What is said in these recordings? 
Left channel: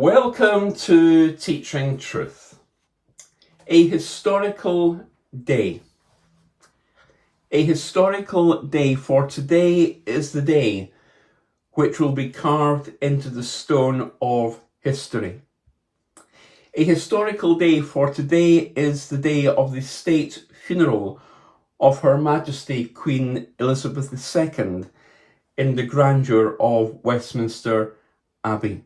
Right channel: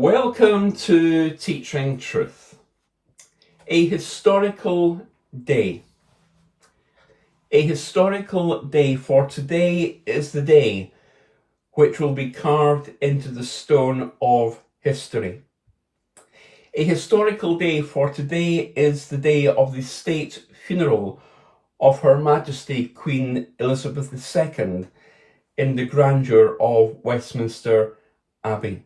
Welcome to Teaching Truth. A historical day. A historical day, for today is the day which will be carved into the stone of history. A historical day, for today is the day of the state funeral of Her Majesty Queen Elizabeth II in the grandeur of Westminster Abbey.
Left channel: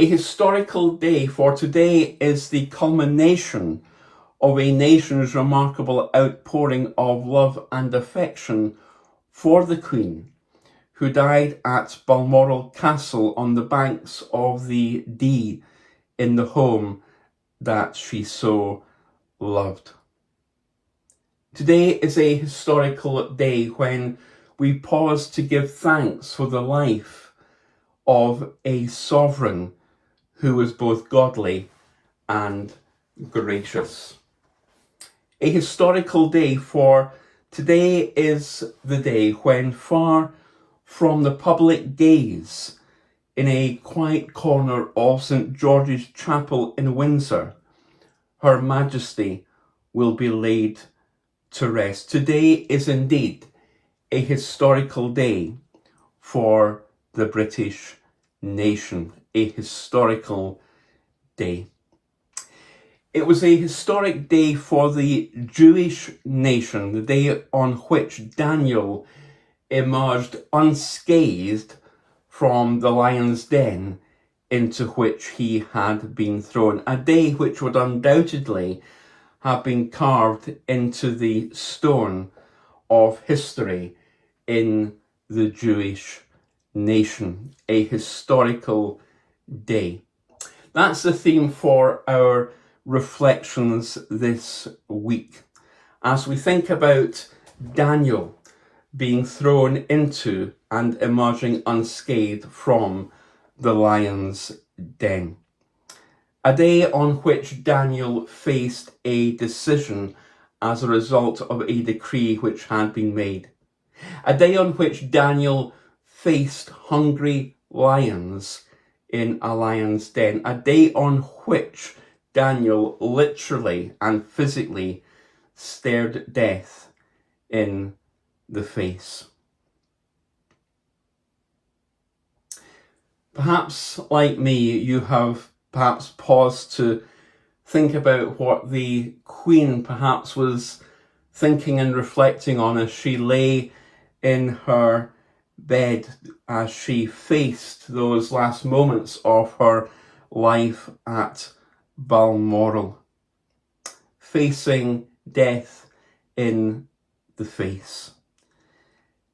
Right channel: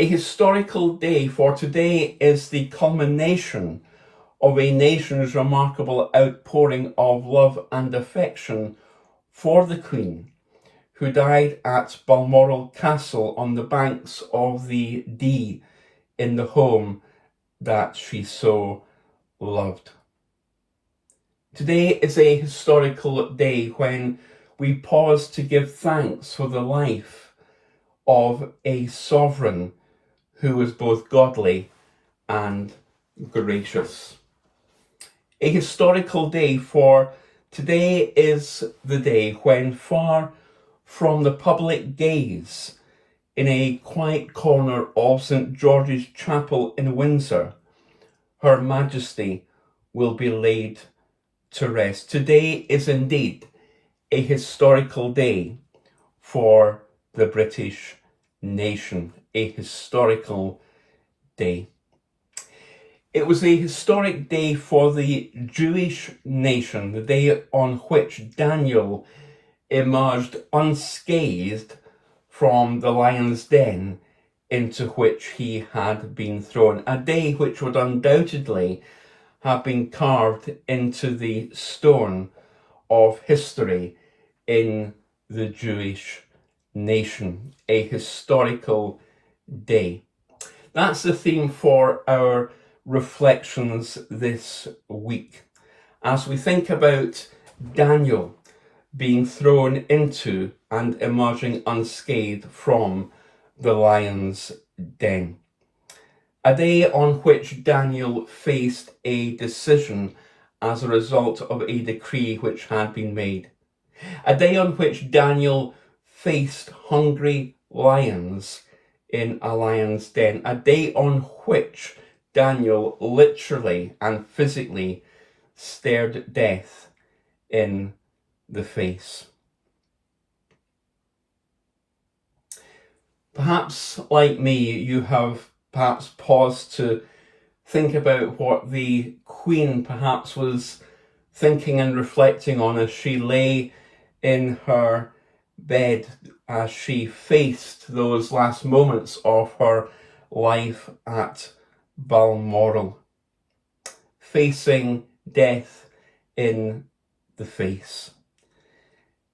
A historical day, for today is the culmination of a nation's remarkable outpouring of love and affection for the Queen, who died at Balmoral Castle on the banks of the Dee in the home that she so loved. Today is a historical day when we pause to give thanks for the life of a sovereign who was both godly and gracious. A historical day, for today is the day when, far from the public gaze, in a quiet corner of St. George's Chapel in Windsor, Her Majesty will be laid to rest. Today is indeed a historical day for the British nation. A historical day. It was a historic day for the Jewish nation, the day on which Daniel emerged unscathed from the lion's den into which he had been thrown. A day which would undoubtedly have been carved into the stone of history in the Jewish nation. A historical day. That's the theme for our reflections this week, as we think about Daniel being thrown into and emerging unscathed from the lion's den. A day on which Daniel faced a decision as a result of a decree which had been made. A day on which Daniel faced hungry lions in a lion's den. A day on which Daniel literally and physically stared death in the face. Perhaps, like me, you have perhaps paused to think about what the Queen perhaps was thinking and reflecting on as she lay in her bed, as she faced those last moments of her life at Balmoral, facing death in the face.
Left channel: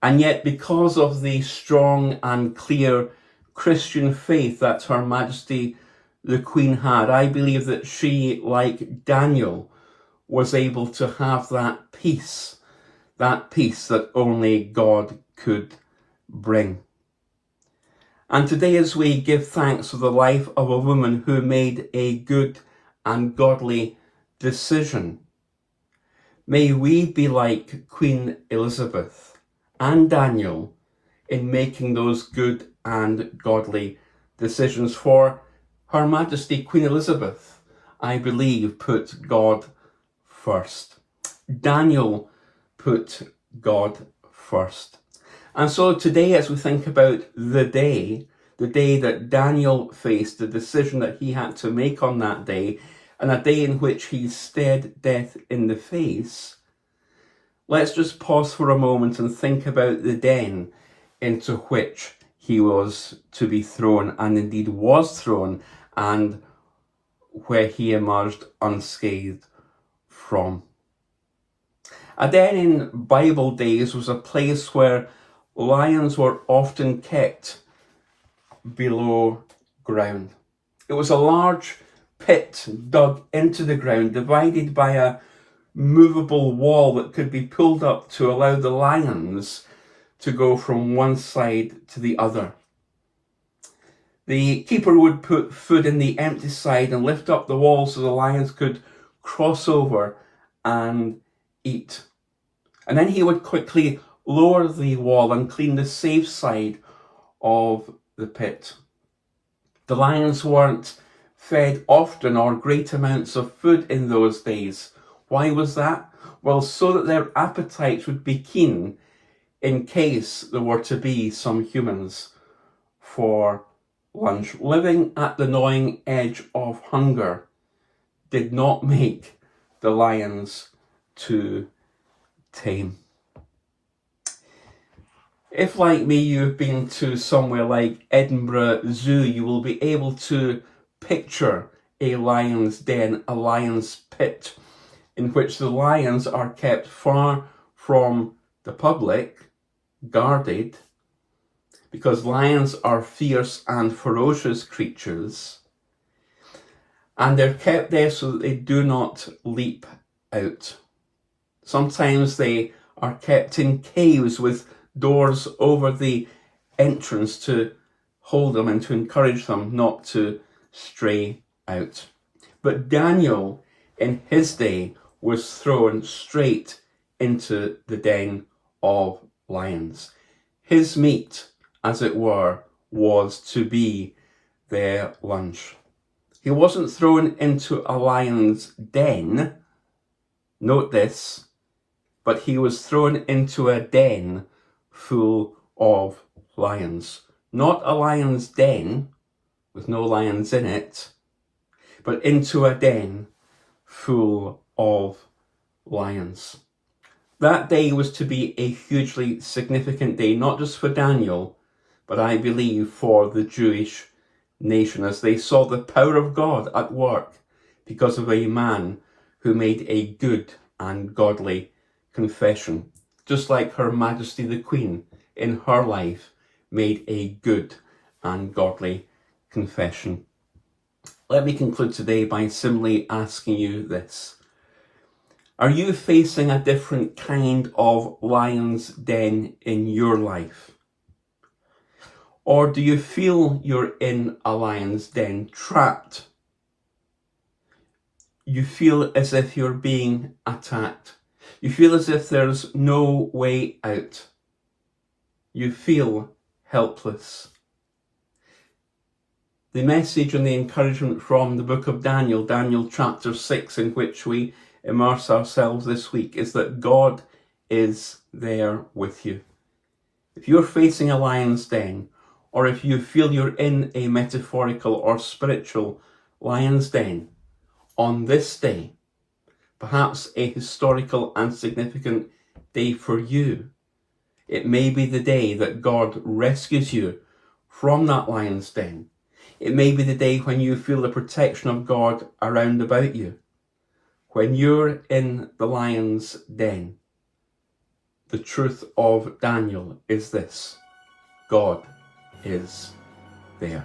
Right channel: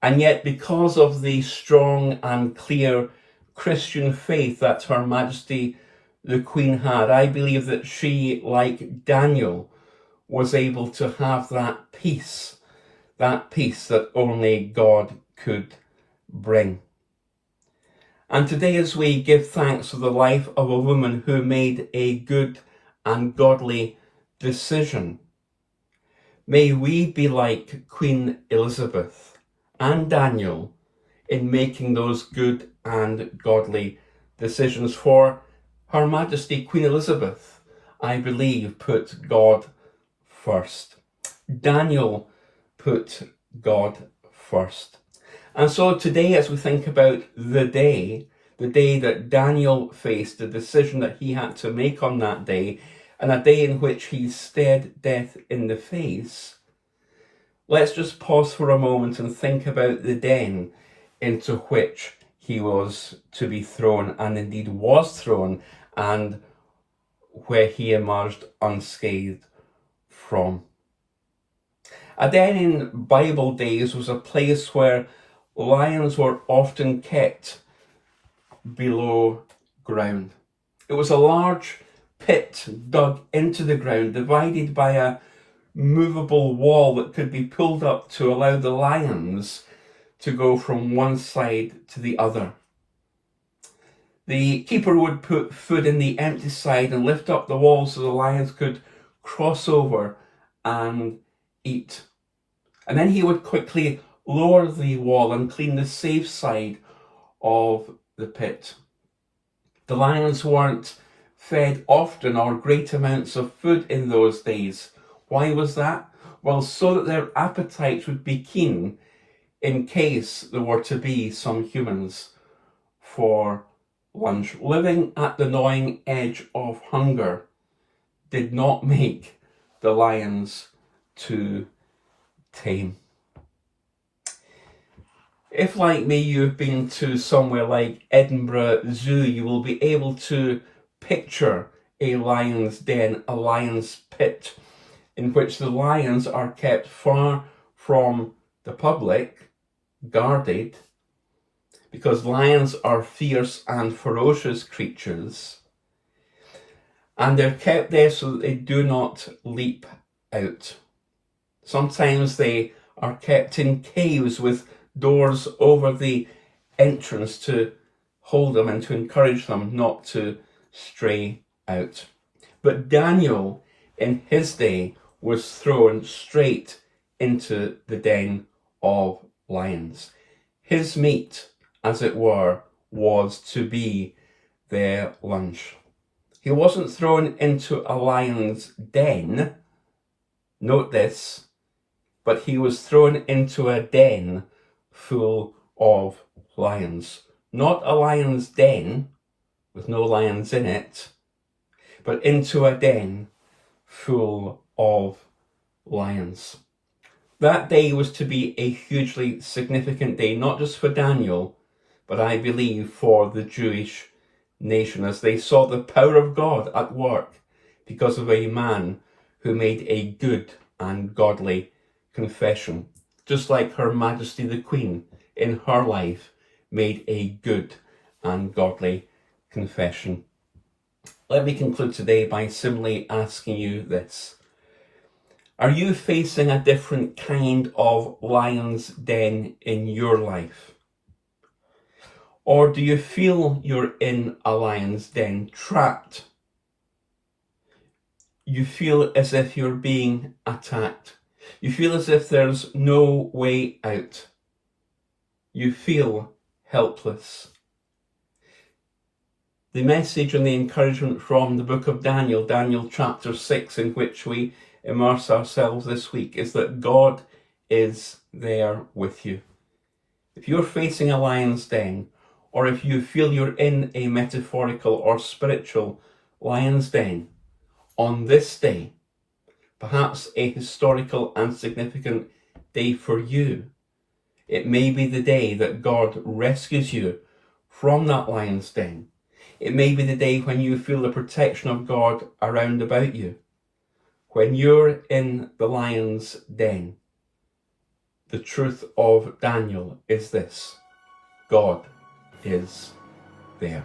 And yet, because of the strong and clear Christian faith that Her Majesty the Queen had, I believe that she, like Daniel, was able to have that peace that only God could bring. And today, as we give thanks for the life of a woman who made a good and godly decision, may we be like Queen Elizabeth and Daniel in making those good and godly decisions. For Her Majesty Queen Elizabeth, I believe, put God first. Daniel put God first. And so today, as we think about the day that Daniel faced, the decision that he had to make on that day, and a day in which he stared death in the face, let's just pause for a moment and think about the den into which he was to be thrown, and indeed was thrown, and where he emerged unscathed from. A den in Bible days was a place where lions were often kept below ground. It was a large pit dug into the ground, divided by a movable wall that could be pulled up to allow the lions to go from one side to the other. The keeper would put food in the empty side and lift up the wall so the lions could cross over and eat. And then he would quickly lower the wall and clean the safe side of the pit. The lions weren't fed often or great amounts of food in those days. Why was that? Well, so that their appetites would be keen in case there were to be some humans for lunch. Living at the gnawing edge of hunger did not make the lions too tame. If, like me, you've been to somewhere like Edinburgh Zoo, you will be able to picture a lion's den, a lion's pit, in which the lions are kept far from the public, guarded, because lions are fierce and ferocious creatures, and they're kept there so that they do not leap out. Sometimes they are kept in caves with doors over the entrance to hold them and to encourage them not to stray out. But Daniel, in his day, was thrown straight into the den of lions. His meat, as it were, was to be their lunch. He wasn't thrown into a lion's den, note this, but he was thrown into a den full of lions. Not a lion's den with no lions in it, but into a den full of lions. That day was to be a hugely significant day, not just for Daniel, but I believe for the Jewish nation, as they saw the power of God at work because of a man who made a good and godly confession, just like Her Majesty the Queen in her life made a good and godly confession. Let me conclude today by simply asking you this. Are you facing a different kind of lion's den in your life? Or do you feel you're in a lion's den, trapped? You feel as if you're being attacked. You feel as if there's no way out. You feel helpless. The message and the encouragement from the book of Daniel, Daniel chapter 6, in which we immerse ourselves this week, is that God is there with you. If you're facing a lion's den, or if you feel you're in a metaphorical or spiritual lion's den, on this day, perhaps a historical and significant day for you, it may be the day that God rescues you from that lion's den. It may be the day when you feel the protection of God around about you. When you're in the lion's den, the truth of Daniel is this: God is there.